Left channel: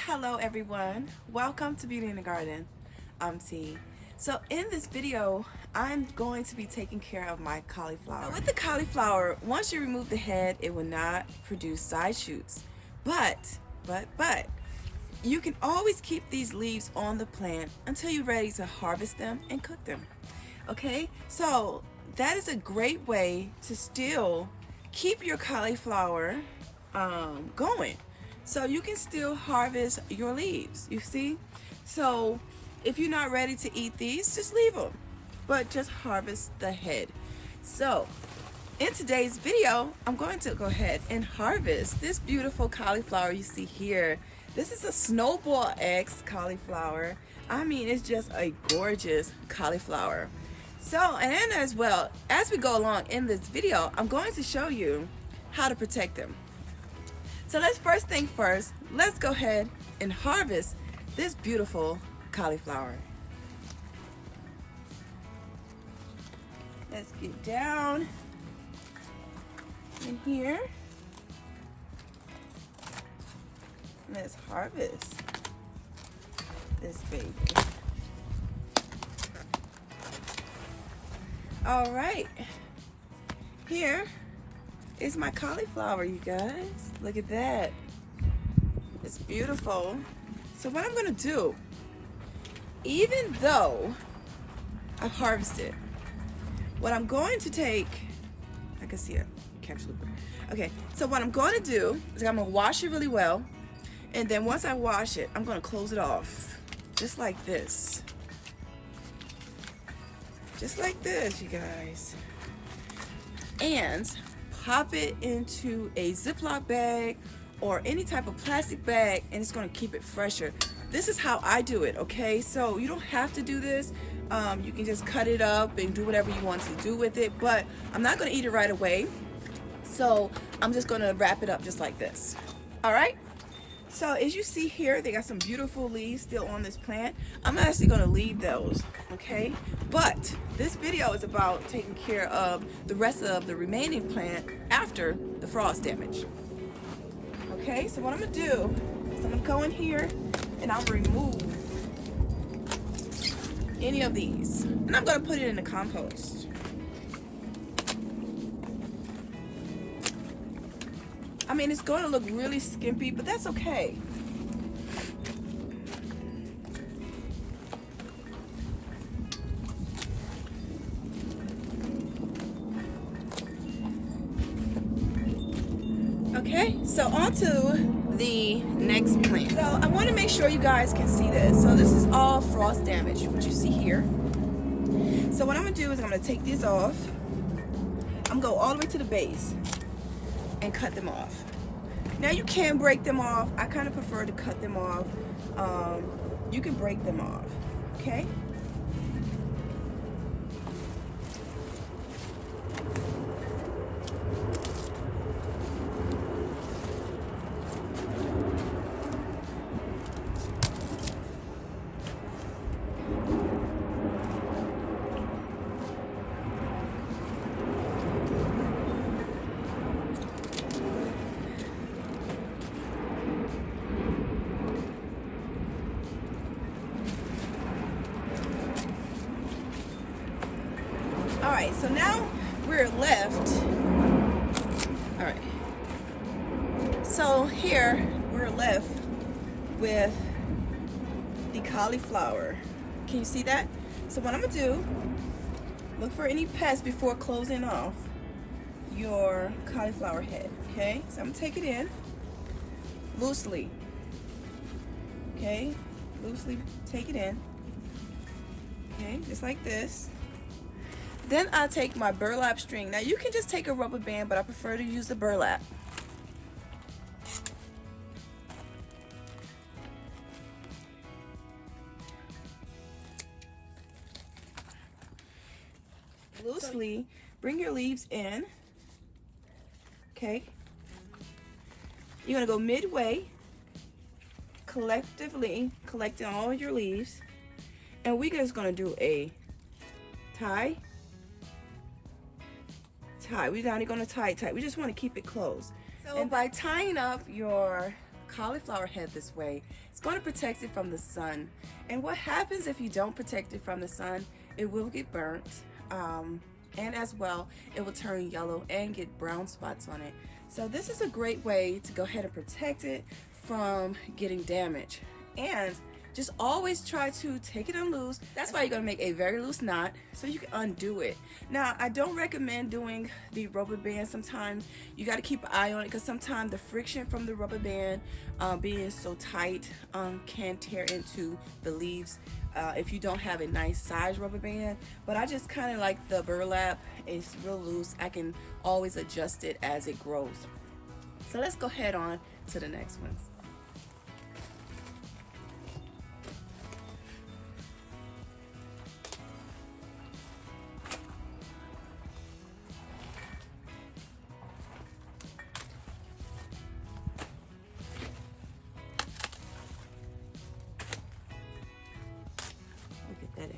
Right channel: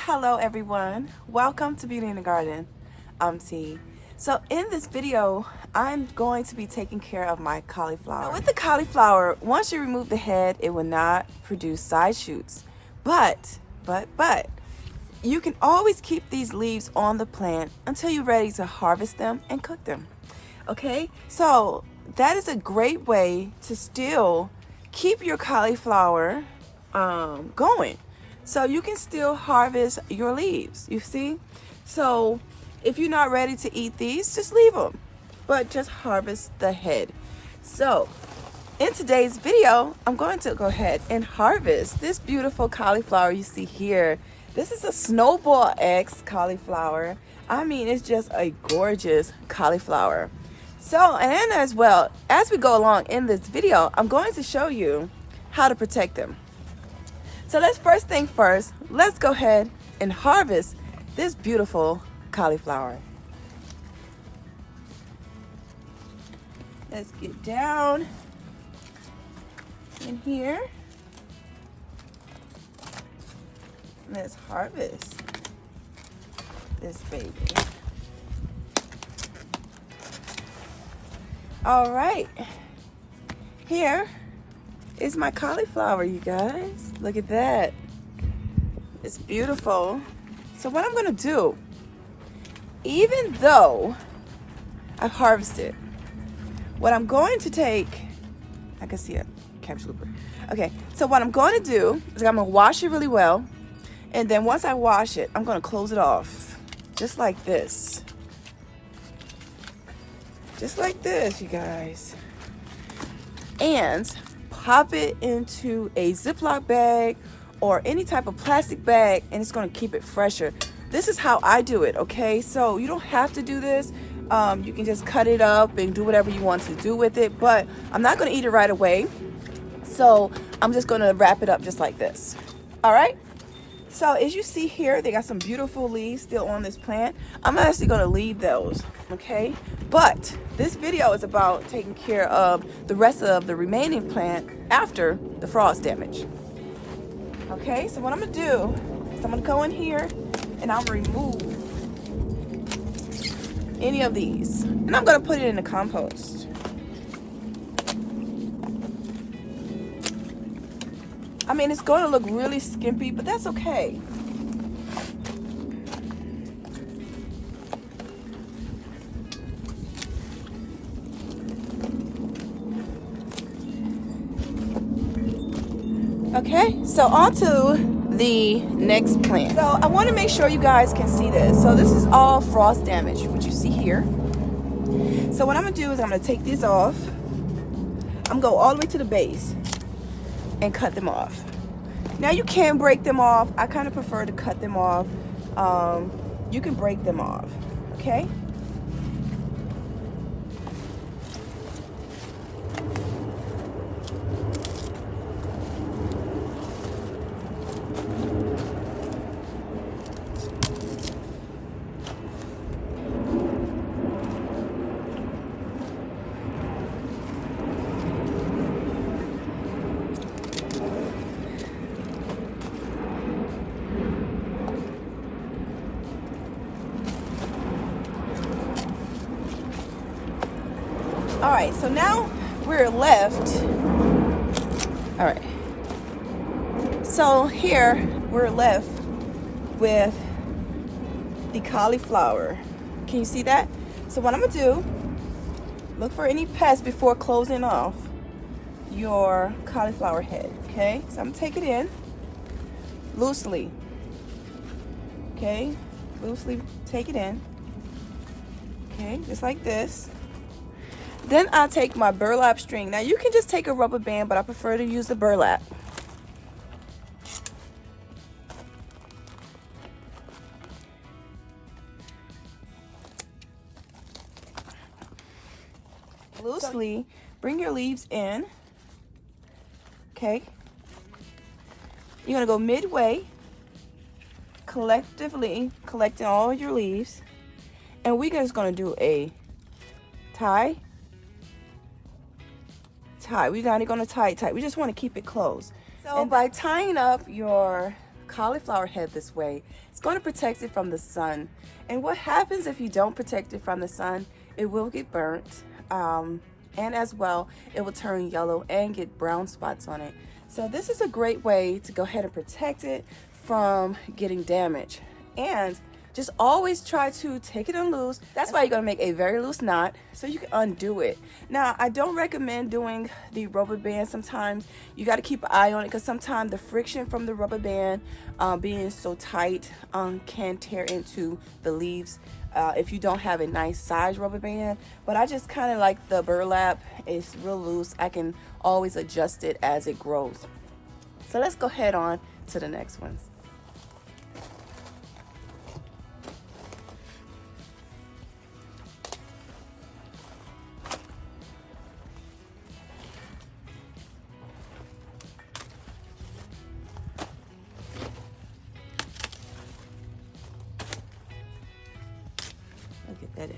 Hello everyone, welcome to Beauty in the Garden. I'm T. So in this video, I'm going to be taking care of my cauliflower. So with the cauliflower, once you remove the head, it will not produce side shoots. But, you can always keep these leaves on the plant until you're ready to harvest them and cook them. Okay, so that is a great way to still keep your cauliflower going. So you can still harvest your leaves, you see? So if you're not ready to eat these, just leave them, but just harvest the head. So in today's video, I'm going to go ahead and harvest this beautiful cauliflower you see here. This is a Snowball X cauliflower. I mean, it's just a gorgeous cauliflower. So, and as well, as we go along in this video, I'm going to show you how to protect them. So first thing first, let's go ahead and harvest this beautiful cauliflower. Let's get down in here. Let's harvest this baby. All right, here is my cauliflower, you guys. Look at that. It's beautiful. So what I'm gonna do, even though I've harvested, what I'm going to take, I can see it, capsule. Okay, so what I'm going to do is I'm gonna wash it really well, and then once I wash it, I'm gonna close it off, just like this. Just like this, you guys. And pop it into a Ziploc bag or any type of plastic bag, and it's going to keep it fresher. This is how I do it, okay? So you don't have to do this. You can just cut it up and do whatever you want to do with it, but I'm not going to eat it right away. So I'm just going to wrap it up just like this. All right? So as you see here, they got some beautiful leaves still on this plant. I'm actually going to leave those, okay? But this video is about taking care of the rest of the remaining plant after the frost damage. Okay, so what I'm gonna do is I'm gonna go in here and I'll remove any of these. And I'm gonna put it in the compost. I mean, it's gonna look really skimpy, but that's okay. Okay, so on to the next plant. So I want to make sure you guys can see this. So this is all frost damage, what you see here. So what I'm going to do is I'm going to take these off. I'm going to go all the way to the base and cut them off. Now you can break them off. I kind of prefer to cut them off. You can break them off, okay? All right, so now we're left. All right, so here we're left with the cauliflower. Can you see that? So what I'm gonna do, look for any pests before closing off your cauliflower head, okay? So I'm gonna take it in loosely, okay? Loosely take it in, okay, just like this. Then I'll take my burlap string. Now you can just take a rubber band, but I prefer to use the burlap. Loosely bring your leaves in, okay? You're gonna go midway, collectively collecting all your leaves, and we're just gonna do a tie, We're not going to tie it tight. We just want to keep it closed. So by tying up your cauliflower head this way, it's going to protect it from the sun. And what happens if you don't protect it from the sun, it will get burnt, and as well it will turn yellow and get brown spots on it. So this is a great way to go ahead and protect it from getting damaged. And just always try to take it unloose. That's why you're gonna make a very loose knot so you can undo it. Now, I don't recommend doing the rubber band. Sometimes you gotta keep an eye on it because sometimes the friction from the rubber band being so tight can tear into the leaves if you don't have a nice size rubber band. But I just kind of like the burlap. It's real loose. I can always adjust it as it grows. So let's go ahead on to the next ones. Look at that.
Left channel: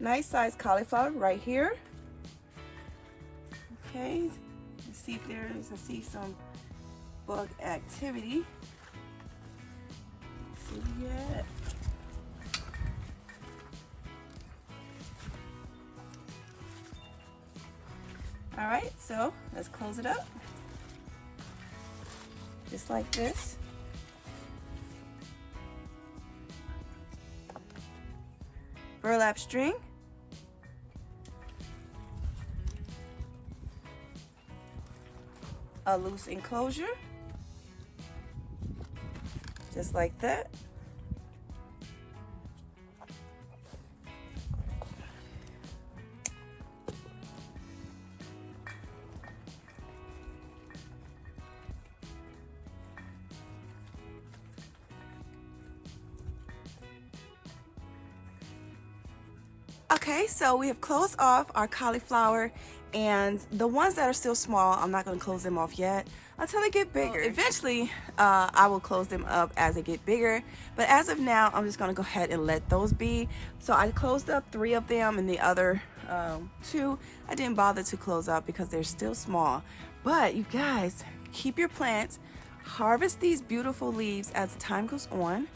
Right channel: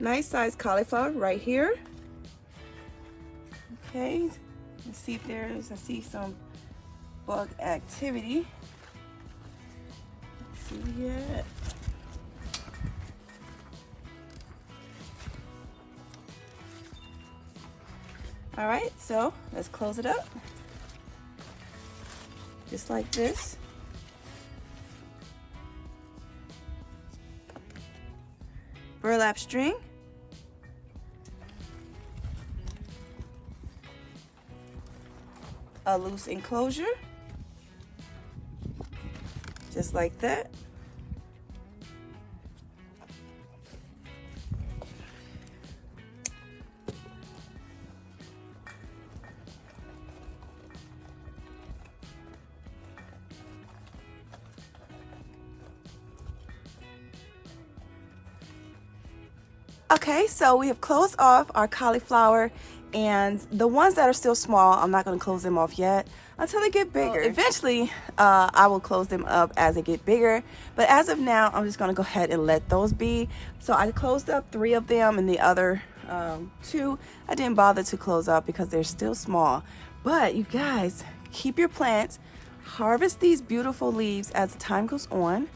Nice size cauliflower right here. Okay, let's see if I see some bug activity. Let's see where you're at. All right, so let's close it up. Just like this. Burlap string. A loose enclosure. Just like that. Okay, so we have closed off our cauliflower, and the ones that are still small, I'm not going to close them off yet until they get bigger. Eventually, I will close them up as they get bigger, but as of now, I'm just going to go ahead and let those be. So I closed up 3 of them, and the other 2 I didn't bother to close up because they're still small. But you guys, keep your plants, harvest these beautiful leaves as the time goes on,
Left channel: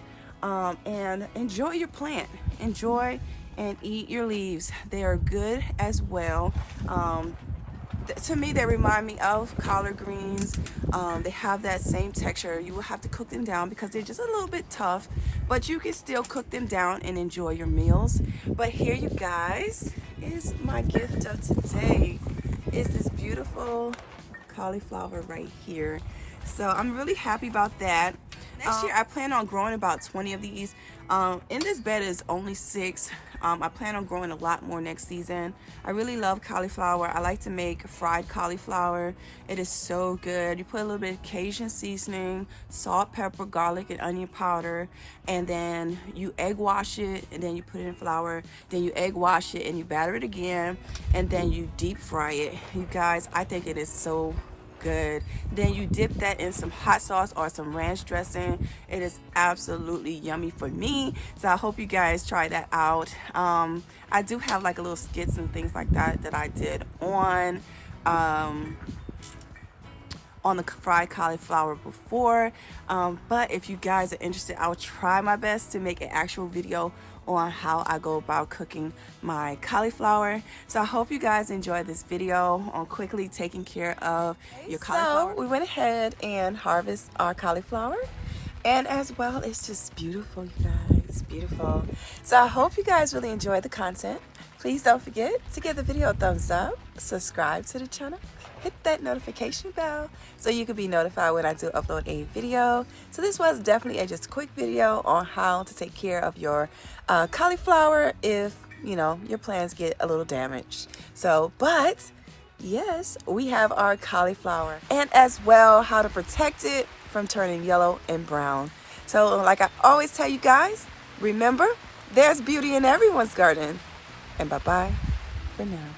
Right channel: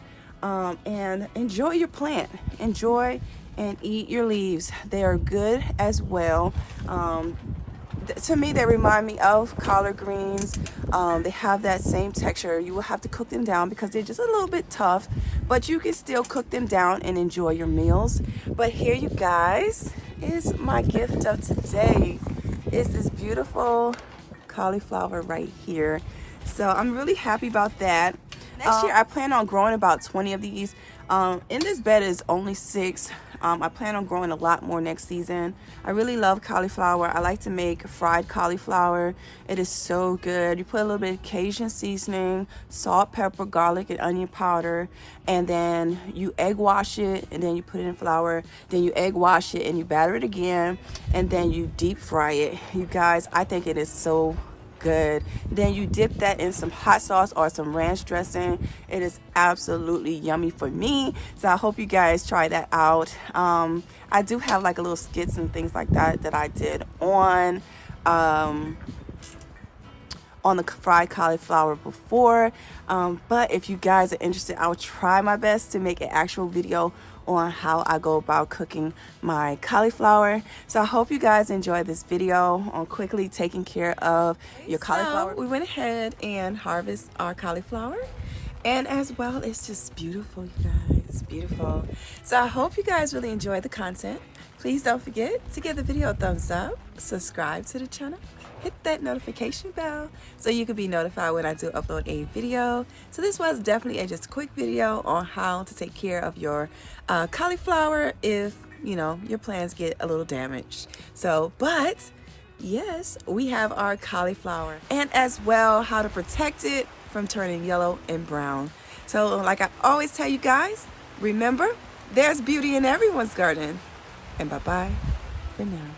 and enjoy your plant. Enjoy and eat your leaves. They are good as well. To me, they remind me of collard greens. They have that same texture. You will have to cook them down because they're just a little bit tough, but you can still cook them down and enjoy your meals. But here, you guys, is my gift of today. It's this beautiful cauliflower right here. So I'm really happy about that. Next year, I plan on growing about 20 of these. In this bed is only 6. I plan on growing a lot more next season. I really love cauliflower. I like to make fried cauliflower. It is so good. You put a little bit of Cajun seasoning, salt, pepper, garlic, and onion powder, and then you egg wash it, and then you put it in flour. Then you egg wash it, and you batter it again, and then you deep fry it. You guys, I think it is so good. Then you dip that in some hot sauce or some ranch dressing. It is absolutely yummy for me, so I hope you guys try that out. I do have like a little skits and things like that that I did on the fried cauliflower before, but if you guys are interested, I'll try my best to make an actual video on how I go about cooking my cauliflower. So I hope you guys enjoyed this video on quickly taking care of your cauliflower. So we went ahead and harvest our cauliflower, and as well, it's just beautiful, you guys, beautiful. So I hope you guys really enjoyed the content. Please don't forget to give the video a thumbs up, subscribe to the channel, hit that notification bell so you can be notified when I do upload a video. So this was definitely just a quick video on how to take care of your cauliflower if, you know, your plants get a little damaged. So, but yes, we have our cauliflower, and as well how to protect it from turning yellow and brown. So like I always tell you guys, remember, there's beauty in everyone's garden. And bye-bye for now.